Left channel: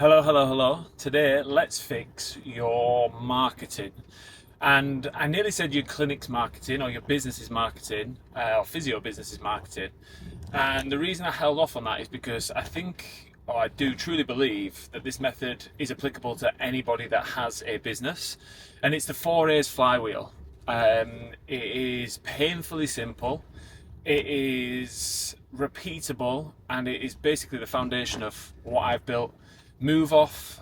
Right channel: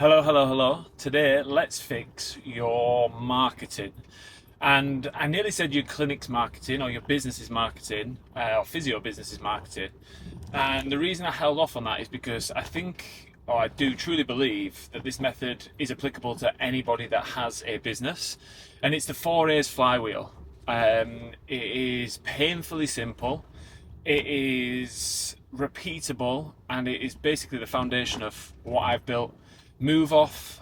Hello. Today, let's fix your marketing. And I nearly said your clinic's marketing or your business's marketing or physio business's marketing. And the reason I held off on that is because I think, or I do truly believe, that this method is applicable to anybody that has a business. And it's the 4A's flywheel. It is painfully simple. It is repeatable, and it is basically the foundation of what I've built. Move off,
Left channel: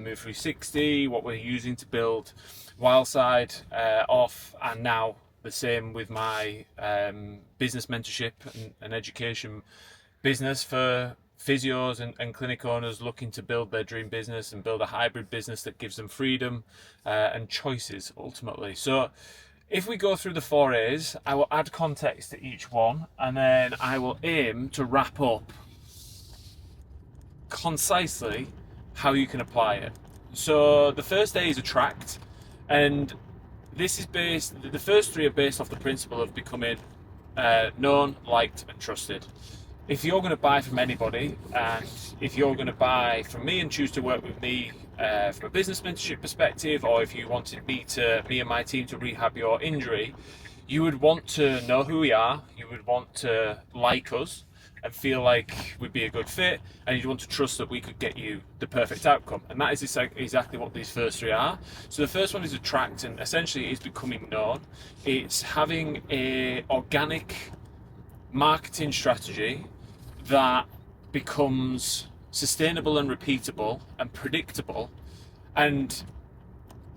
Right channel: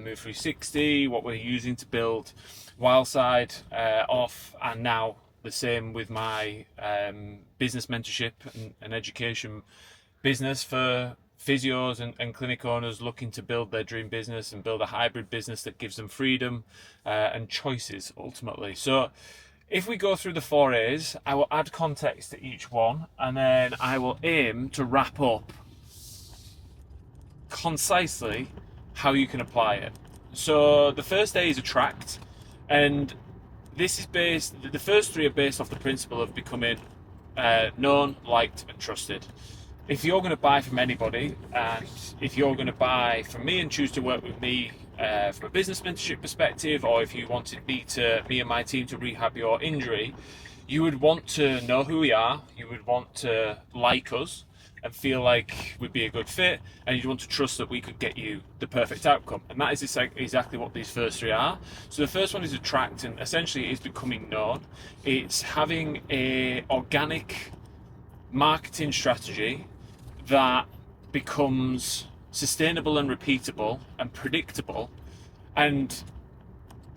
Move 360, what we're using to build Wildside off, and now the same with my business mentorship and education business for physios and clinic owners looking to build their dream business and build a hybrid business that gives them freedom and choices ultimately. So if we go through the 4A's, I will add context to each one, and then I will aim to wrap up concisely how you can apply it. So the first A is attract, and this is the first three are based off the principle of becoming known, liked and trusted. If you're going to buy from anybody, and if you're going to buy from me and choose to work with me from a business mentorship perspective, or if you wanted me and my team to rehab your injury, you would want to know who we are, you would want to like us and feel like we'd be a good fit, and you'd want to trust that we could get you the perfect outcome. And that is exactly what these first three are. So the first one is attract, and essentially it is becoming known. It's having a organic marketing strategy that becomes sustainable and repeatable and predictable. And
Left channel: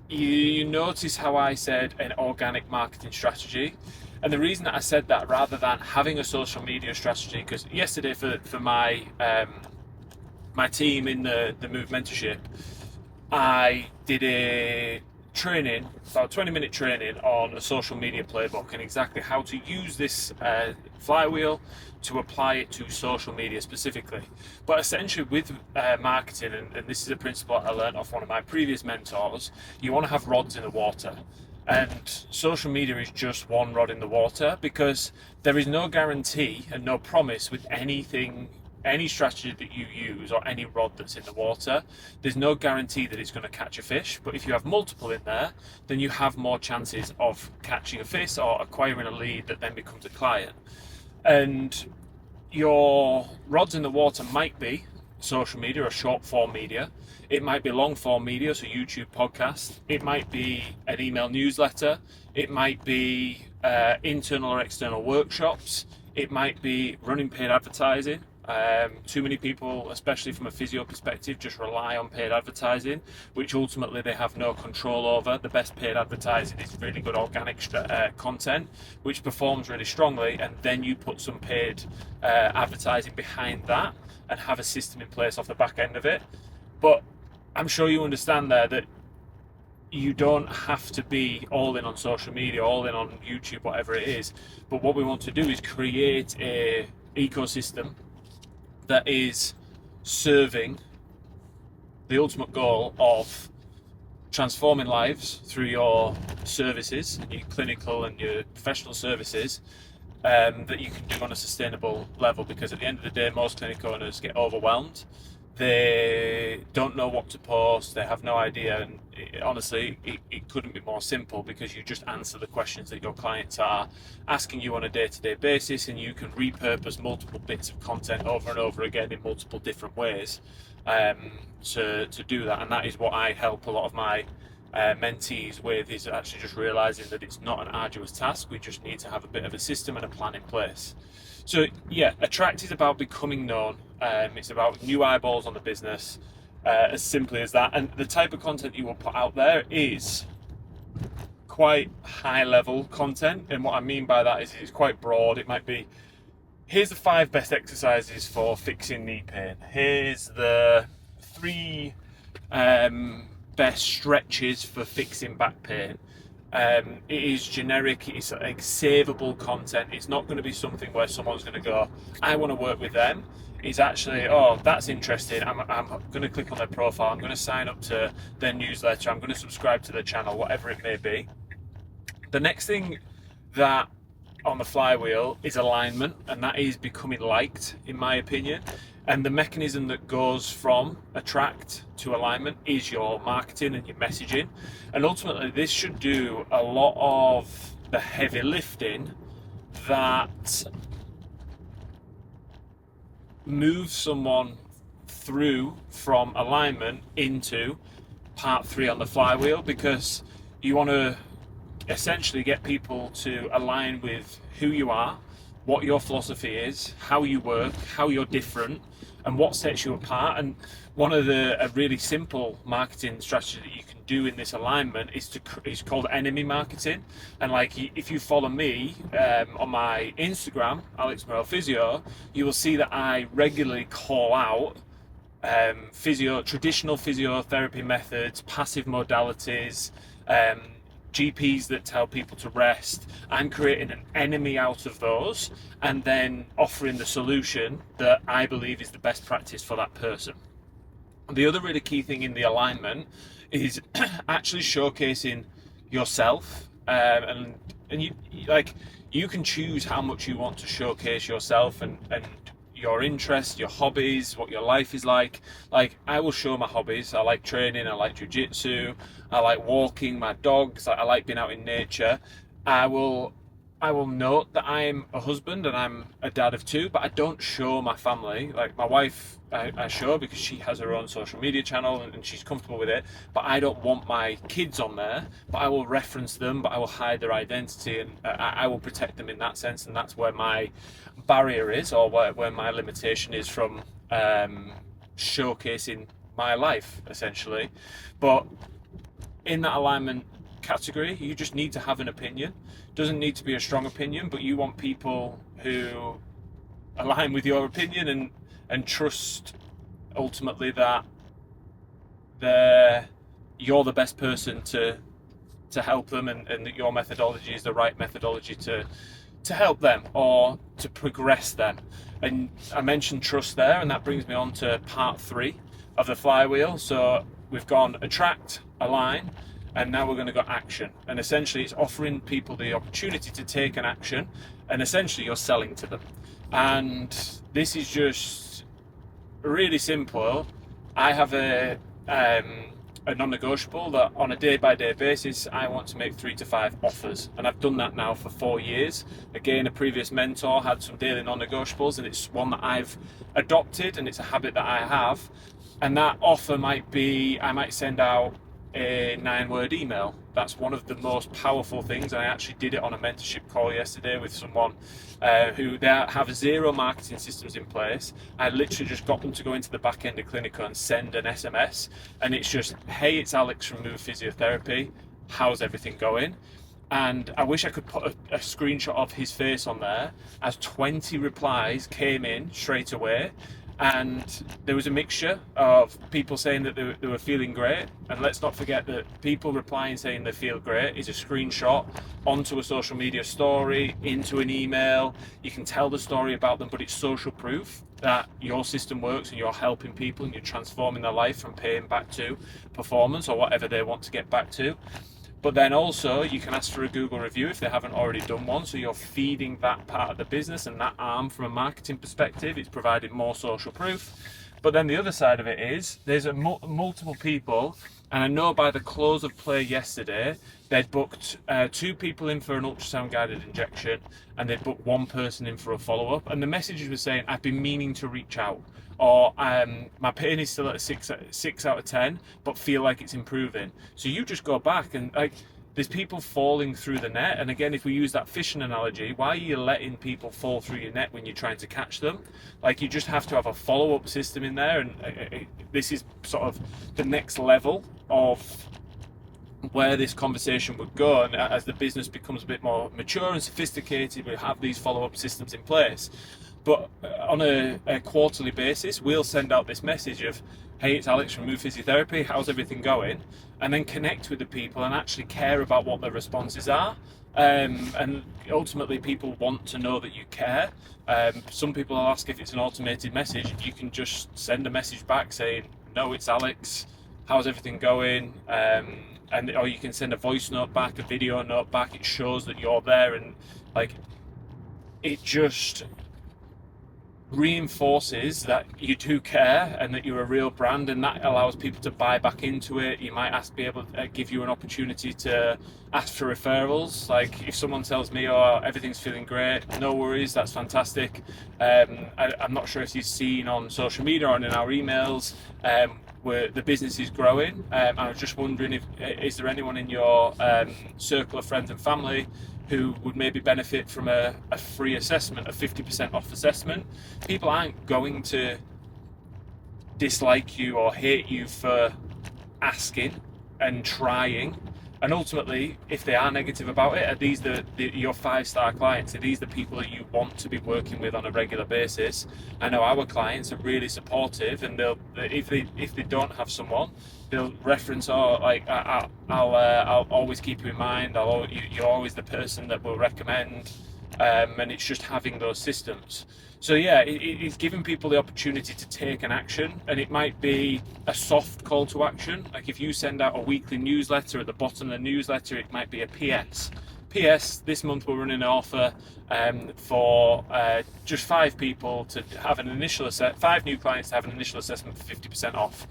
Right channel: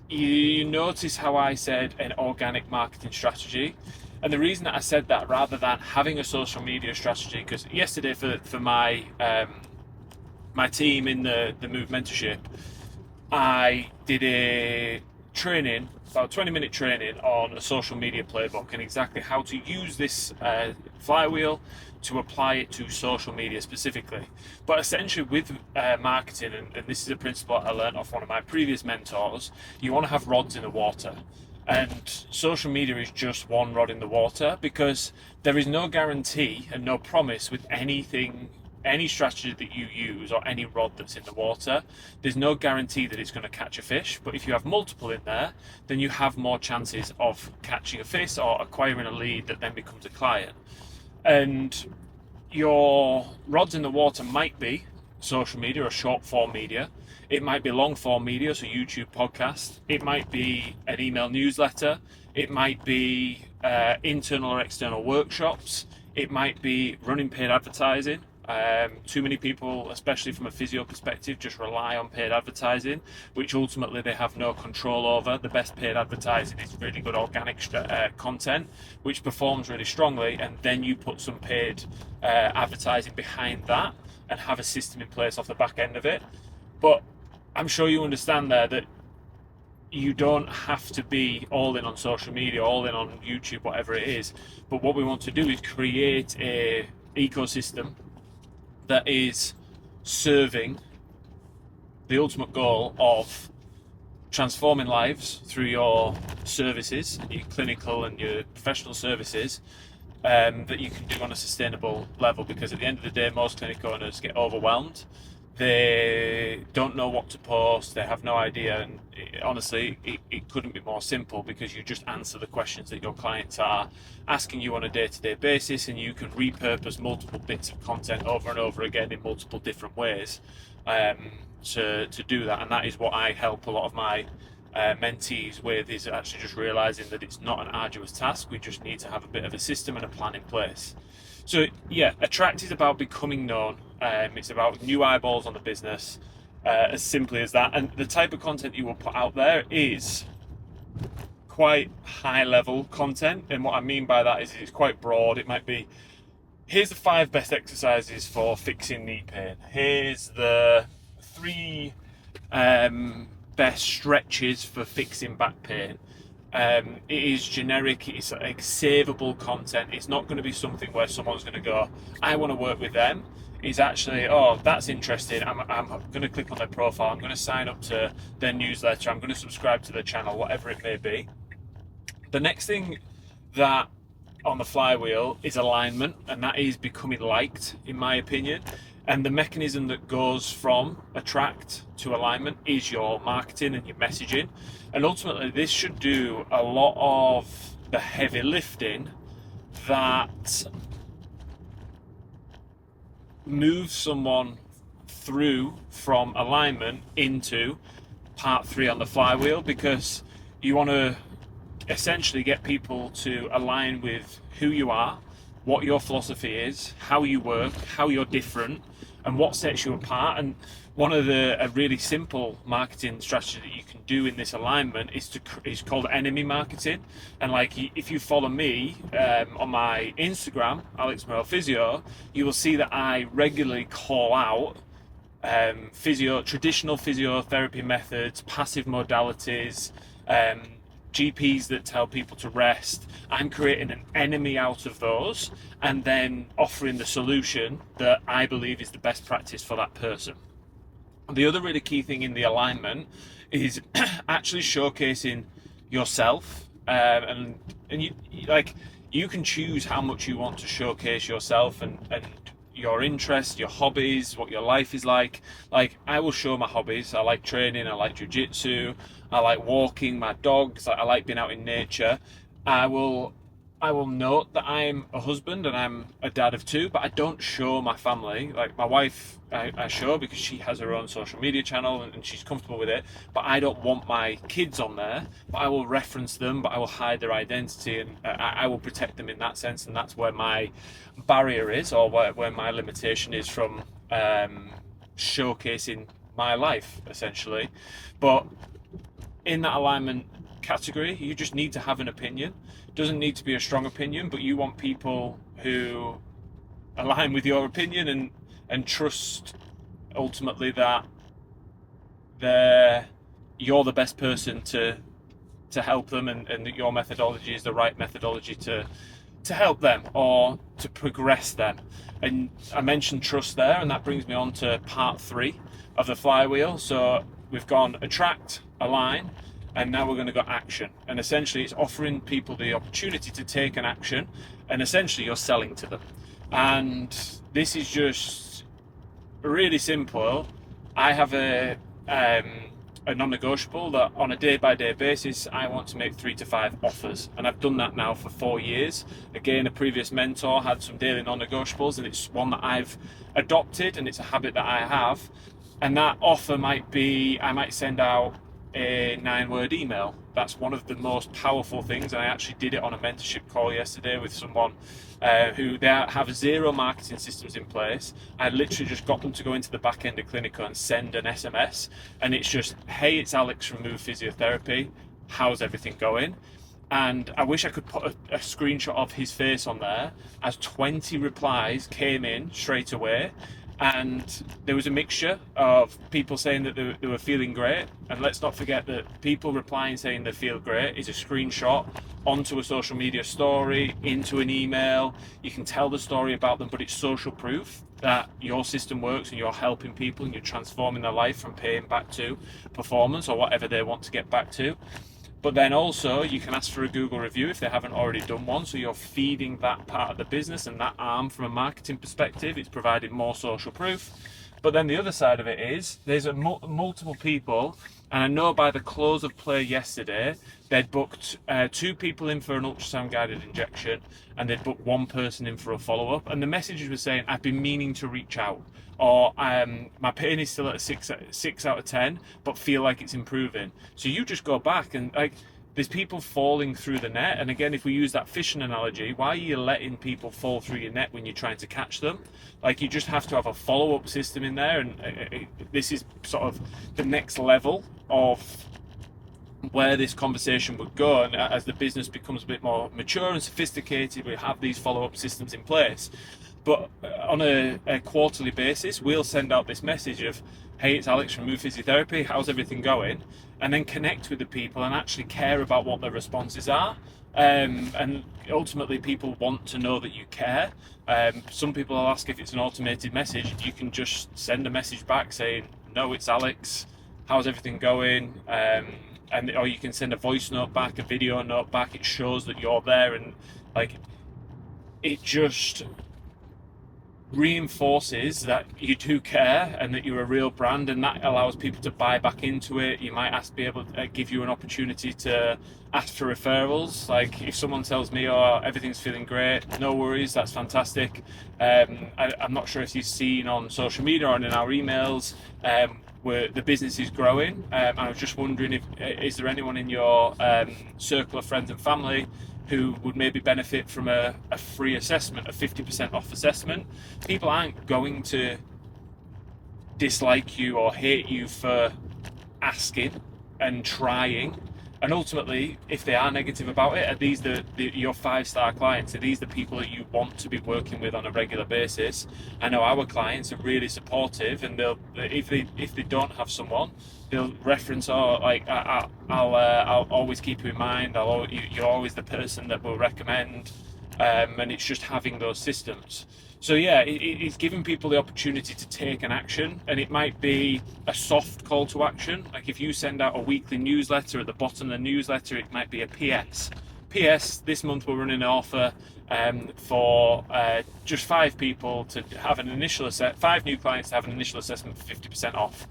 you notice how I said an organic marketing strategy. And the reason that I said that rather than having a social media strategy, because yesterday for my my team in the Move mentorship, I did a training, about 20-minute training on a social media playbook and exactly how to use this flywheel to apply it to social media specifically. But essentially with marketing, and this is a principle I learned off one of my previous mentors, you want to have rods in the water. And social media is just one rod in the water, because there is no guarantee and no promise with anything, any strategy that you use or any rod that's in the water. There's no guarantee that it's going to catch a fish, but if you have multiple in there, then you have more chances of catching a fish or acquiring a lead that then becomes a client. And your rods in the water might be social media or short form media. It might be long form media, so YouTube, podcast. It might be an email newsletter. It might be internal or external workshops. It might be running paid advertising. Too many people, especially from a physio perspective, just rely on paid advertising, which ultimately they have no control over. The best paid advertising is really good organic content, which performs really strongly, and then you put some paid advertising behind that and have a system in place off the back end of it. But I'm sure you understand there that you don't have to be all in on social media, all in on YouTube, whatever it is. But what we want to do is create a ecosystem that is serving the ultimate goal of transforming lives through your services and your clinical and your professional services, that you can do on a sustainable level. Because at the end of the day, most clinic owners get overwhelmed. They don't know what to post, they have no idea, and honestly it couldn't be more simple, because you just answer the questions that your clients are asking you on a day-to-day basis, and you can repurpose multiple bits of content over and over again in multiple different ways to do that. And that is what I help a lot of my mentees with, is actually just realizing that it's not an arduous task. We just need to have a bit of a system and a plan in place. So yeah, attract is about becoming known. It's about new eyeballs on the business, as simply as that. And the type of content you will put out there is quite high level content. And what I mean by that is it's quite broad. It might be, here's the 5 best exercises for fixing knee pain. Here's the 3 best stretches for fixing back pain. It is generic, it's like savable content. It's not going to be something where someone's going to go, I want to work with them. It's actually, oh, that's interesting, I'm going to click on their profile, I'm going to sign up to their newsletter, I'm going to subscribe to their channel, whatever it may be. The next thing that on the flywheel is alignment, and that is becoming liked, in my opinion. And the mechanism that goes from attract to alignment is your marketing and your messaging. And ultimately, this should do a lot of the heavy lifting that moves someone through from alignment into part 3 on the flywheel, because you want to essentially get people to align with who you are, what your philosophy is, how you work, how you're different, and what sets you apart. And one of a really simple marketing strategy that you can do in this alignment is called enemy marketing. And like, if you follow me on my Instagram, Alex Morel Physio, you will see that I regularly call out traditional physiotherapy methods, passive modalities, GPs that tell people to rest. I'm creating an enemy out of those and then offering the solution that I believe is the best practice for that person. The other really key thing in the alignment is actually showcasing yourself, and you can choose how much you want to showcase yourself and your interests, your hobbies, what your life is like. Like, I will show my hobbies. I like training, I like jiu-jitsu, I like walking my dogs, I like being out in nature. I will note that I'm a husband and I'm a dad of 2, but I don't show my family. Like, my wife, I show because she has her own social media channel and she's comfortable with it, but I don't want my kids on there. But I will reference them, but I will hide their identity, and I will protect them in that sense. And that's where my barrier is, or where my limitation is from showcasing my life, essentially. But in that alignment category, you just need to have an opinion. Doesn't need to be a strong opinion, but you want people who align with your opinion and trust ultimately that you're the best person to help them, and that your methodology is the right methodology to help them or to progress them. And I mentioned trust there, and that brings me on to part 3 of the flywheel. So we've gone attract, align, and now we're going to go action. And essentially it's offering people the opportunity to take an action, and essentially you're selling to them. And this is just really simple. I have a non-negotiable that on a day-by-day basis I want to make 3 to 5 offers, and I've done that now for 4 years. Again, a previous mentor had some daily non-negotiables, and it's one that I've adopted, and it's a habit that I have. And that offer might be, I might send out a 9-word email. That's one of the most powerful things. And I actually did it on a mentorship call yesterday with someone who they have 0 marketing systems in place. I literally just got them to go into the back end of Clinical and send an SMS, and it's just, hey, it's Alex from Move Physiotherapy, how's everything going? And I wish I could put a screenshot of his face on there, as 20 replies came in straight away. And there was a mixture of people saying that they were feeling great. And let's not forget that people replying saying they feel great is a screenshot onto a social media story, into an email. You can tell the story about them, but it's social proof that your system works and you're helping people and you're transforming their life from pain back to performance or whatever they want to get back to. But then also you can ask for a Google review if they haven't already done one. So you're feeding that part of the business and that arm from a marketing perspective. It's providing more social proof. But then the other side of it is there's multiple people, and I know by the close of play yesterday, they'd booked 2 people in for an ultrasound-guided injection, and they'd booked 1 person in for a follow-up. And the messages were saying, I've been meaning to reach out, or my pain is still at a 6 out of 10, but feel like it's improving. So you just go back and there's people falling through the net. And again, if we use that fishing analogy, why are you letting people fall through your net when you're trying to catch them? Like, you just have to have a follow-up system in there. And this is sort of the next level of where this conversation would go. And as the business becomes a bit more mature and sophisticated, we have these follow-up systems in place. But on a quarterly basis, we'll send out this message of, hey, it's Alex from Move Physiotherapy, how's everything going? And then connect with the people and actually care about what their responses are. And ultimately, people want to know that you care. Some people will ask if it's an automated message. You can just send a message back saying, no, it's Alex, how's everything going? Or you can send a voice note back, a video note back. It shows that you're there, and like, it just reinforces that you do care and that you're a real brand, and that allows people to buy back into it. You might be able to give you an opportunity to ask for referrals. If someone tells me, oh, everything's feeling great, no worries, that's fantastic. I'm not sure if you've seen on social media or in our emails, where the business is growing. I was just wondering, is there anyone in your circle of friends and family who would maybe benefit from a free assessment, a 50% off assessment? People aren't going to dislike you or hate you for asking and trying. And ultimately, if they are negative about it, are these your 5-star clients? Are these the people that you want to be working with on a regular basis? I know our clients are really supportive, and if they don't have someone, they'll reference, I'll always keep you in mind. You're always the person that we'll recommend, and it's just having those systems. So yeah, it's giving people the opportunity to take an action, and it might be a soft call to action. Like if you send out a weekly newsletter, at the bottom of the newsletter, it might be a PS. PS, this month we're running an offer for just 5 people to have an initial 5 new clients to have an initial assessment for 50% off.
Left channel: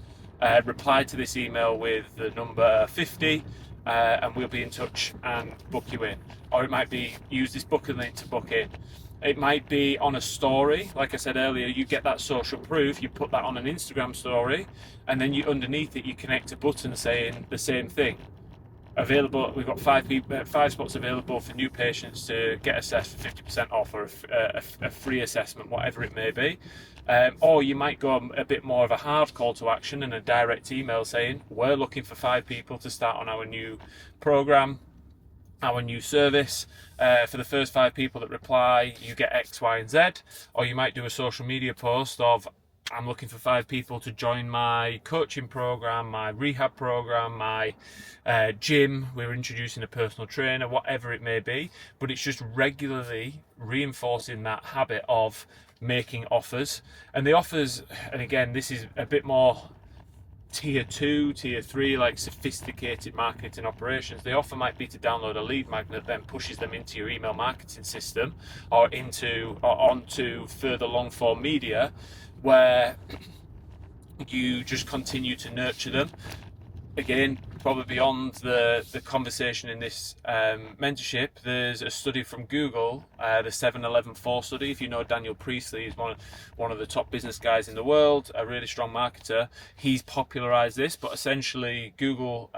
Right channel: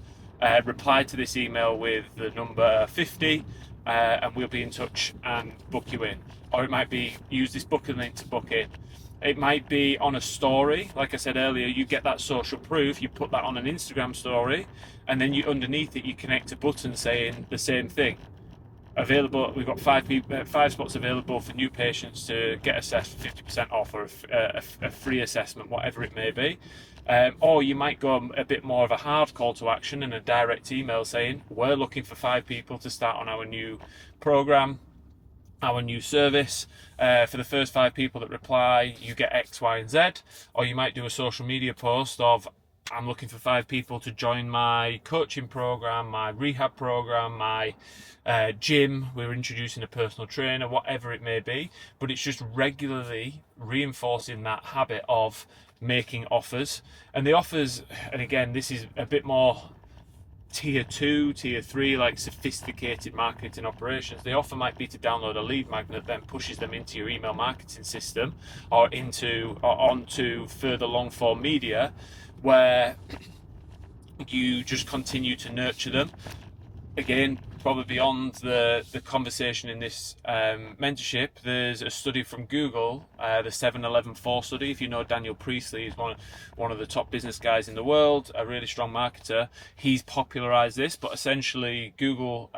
Reply to this email with the number 50, and we'll be in touch and book you in. Or it might be, use this booking link to book in. It might be on a story. Like I said earlier, you get that social proof, you put that on an Instagram story, and then underneath it you connect a button saying the same thing. Available, we've got 5 spots available for new patients to get assessed for 50% off, or a free assessment, whatever it may be. Or you might go a bit more of a hard call to action and a direct email saying, we're looking for 5 people to start on our new program, our new service. For the first 5 people that reply, you get X, Y, and Z. Or you might do a social media post of, I'm looking for 5 people to join my coaching program, my rehab program, my gym. We're introducing a personal trainer, whatever it may be. But it's just regularly reinforcing that habit of making offers. And the offers, and again, this is a bit more tier 2, tier 3, like sophisticated marketing operations. The offer might be to download a lead magnet, then pushes them into your email marketing system or onto further long form media, where you just continue to nurture them. Again, probably beyond the conversation in this mentorship, there's a study from Google, the 7-11-4 study. If you know Daniel Priestley, he's one of the top business guys in the world, a really strong marketer. He's popularized this, but essentially Google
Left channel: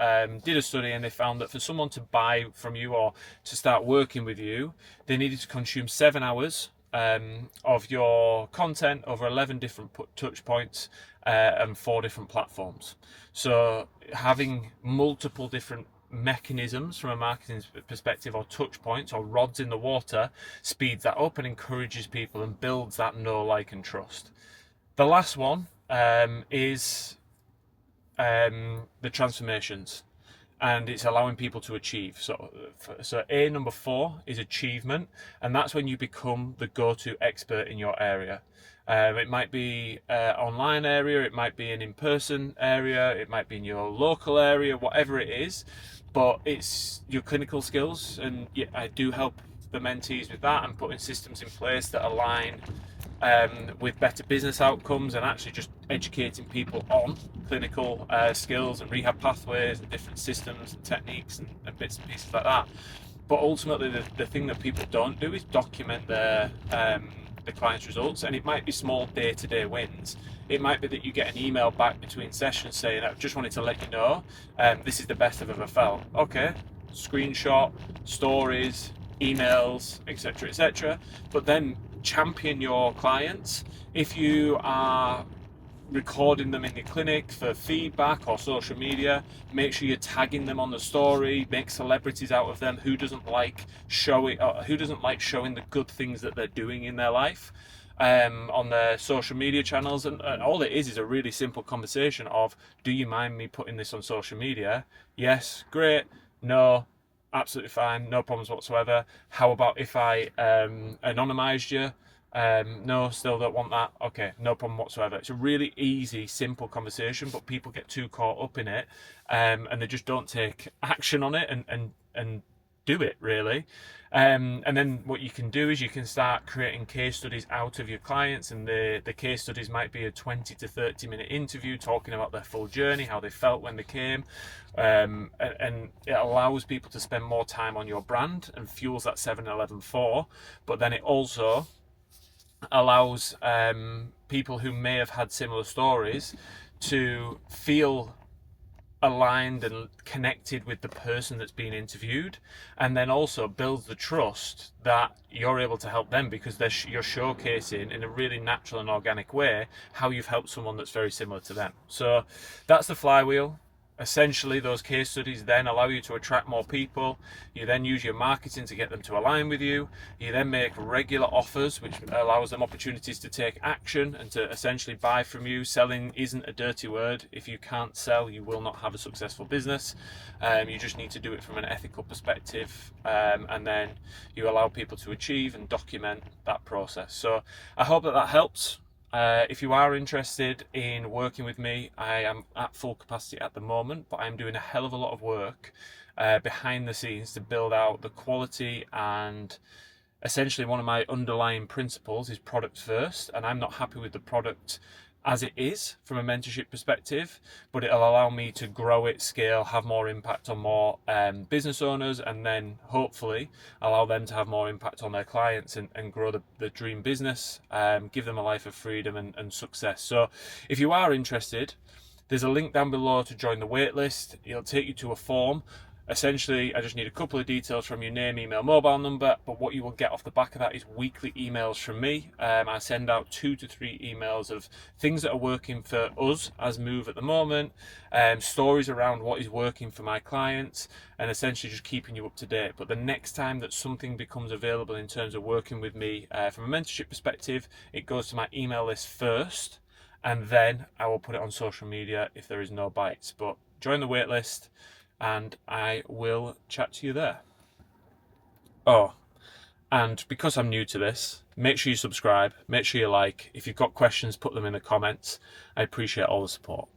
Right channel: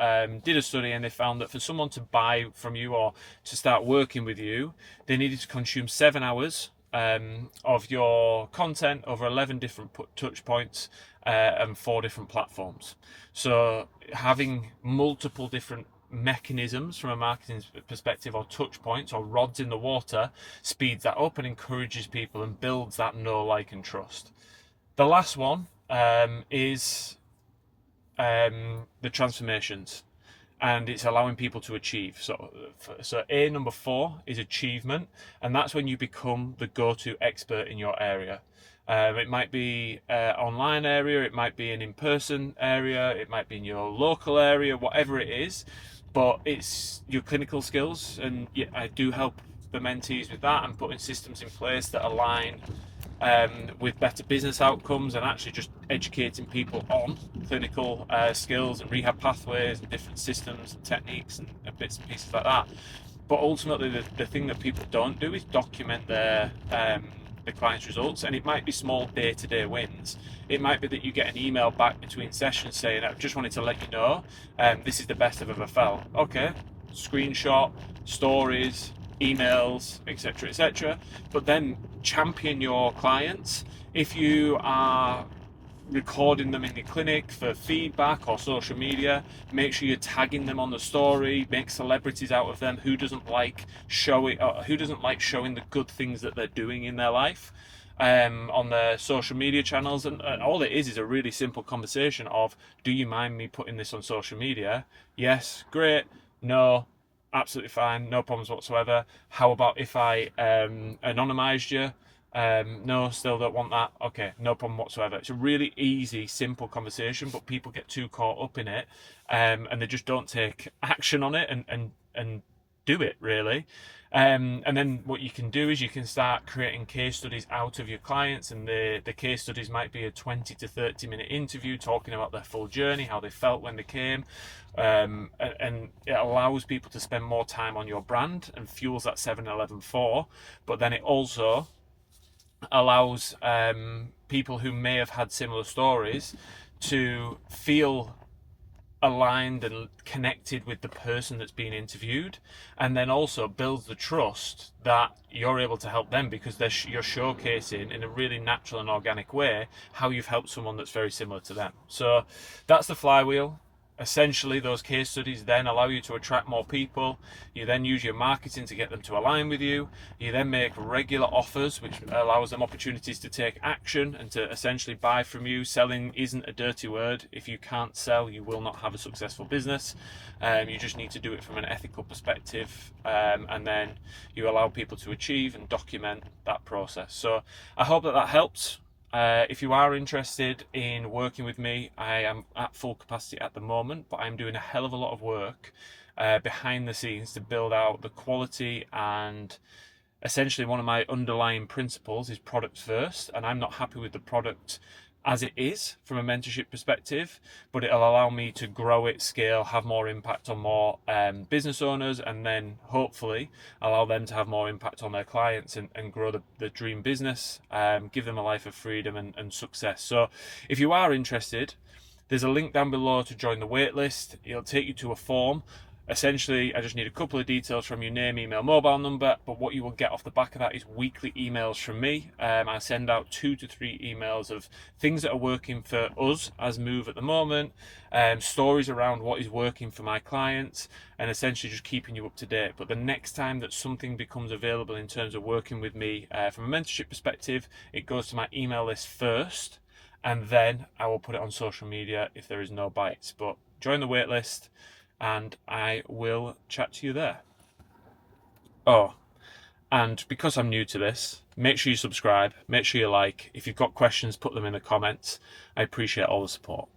did a study, and they found that for someone to buy from you or to start working with you, they needed to consume 7 hours of your content over 11 different touch points and 4 different platforms. So having multiple different mechanisms from a marketing perspective, or touch points or rods in the water, speeds that up and encourages people and builds that know, like, and trust. The last one is the transformations, and it's allowing people to achieve. So A, number 4 is achievement, and that's when you become the go-to expert in your area. It might be online area, it might be an in-person area, it might be in your local area, whatever it is, but it's your clinical skills. And yeah, I do help the mentees with that and putting systems in place that align with better business outcomes, and actually just educating people on clinical skills and rehab pathways and different systems and techniques and bits and pieces like that. But ultimately, the thing that people don't do is document their the client's results, and it might be small day-to-day wins. It might be that you get an email back between sessions saying, I just wanted to let you know this is the best I've ever felt. Okay, screenshot, stories, emails, etc., etc. But then champion your clients. If you are recording them in your clinic for feedback or social media, make sure you're tagging them on the story. Make celebrities out of them. Who doesn't like showing the good things that they're doing in their life on their social media channels? And all it is a really simple conversation of, do you mind me putting this on social media? Yes, great. No, absolutely fine, no problems whatsoever. How about if I anonymized you? No, still don't want that. Okay, no problem whatsoever. It's a really easy, simple conversation, but people get too caught up in it, and they just don't take action on it and do it, really. And then what you can do is you can start creating case studies out of your clients, and the case studies might be a 20 to 30 minute interview talking about their full journey, how they felt when they came, and it allows people to spend more time on your brand and fuels that 7-Eleven 4, but then it also allows people who may have had similar stories to feel aligned and connected with the person that's being interviewed, and then also builds the trust that you're able to help them, because you're showcasing in a really natural and organic way how you've helped someone that's very similar to them. So that's the flywheel. Essentially, those case studies then allow you to attract more people. You then use your marketing to get them to align with you. You then make regular offers, which allows them opportunities to take action and to essentially buy from you. Selling isn't a dirty word. If you can't sell, you will not have a successful business. You just need to do it from an ethical perspective, and then you allow people to achieve and document that process. So I hope that helps. If you are interested in working with me, I am at full capacity at the moment, but I'm doing a hell of a lot of work behind the scenes to build out the quality, and essentially one of my underlying principles is product first, and I'm not happy with the product as it is from a mentorship perspective, but it'll allow me to grow it, scale, have more impact on more business owners, and then hopefully allow them to have more impact on their clients and grow the dream business, give them a life of freedom and success. So if you are interested, there's a link down below to join the waitlist. It'll take you to a form. Essentially, I just need a couple of details from your name, email, mobile number, but what you will get off the back of that is weekly emails from me. I send out 2 to 3 emails of things that are working for us as Move at the moment, stories around what is working for my clients, and essentially just keeping you up to date. But the next time that something becomes available in terms of working with me from a mentorship perspective, it goes to my email list first, and then I will put it on social media if there is no bites. But join the waitlist, and I will chat to you there. Oh, and because I'm new to this, make sure you subscribe, make sure you like. If you've got questions, put them in the comments. I appreciate all the support.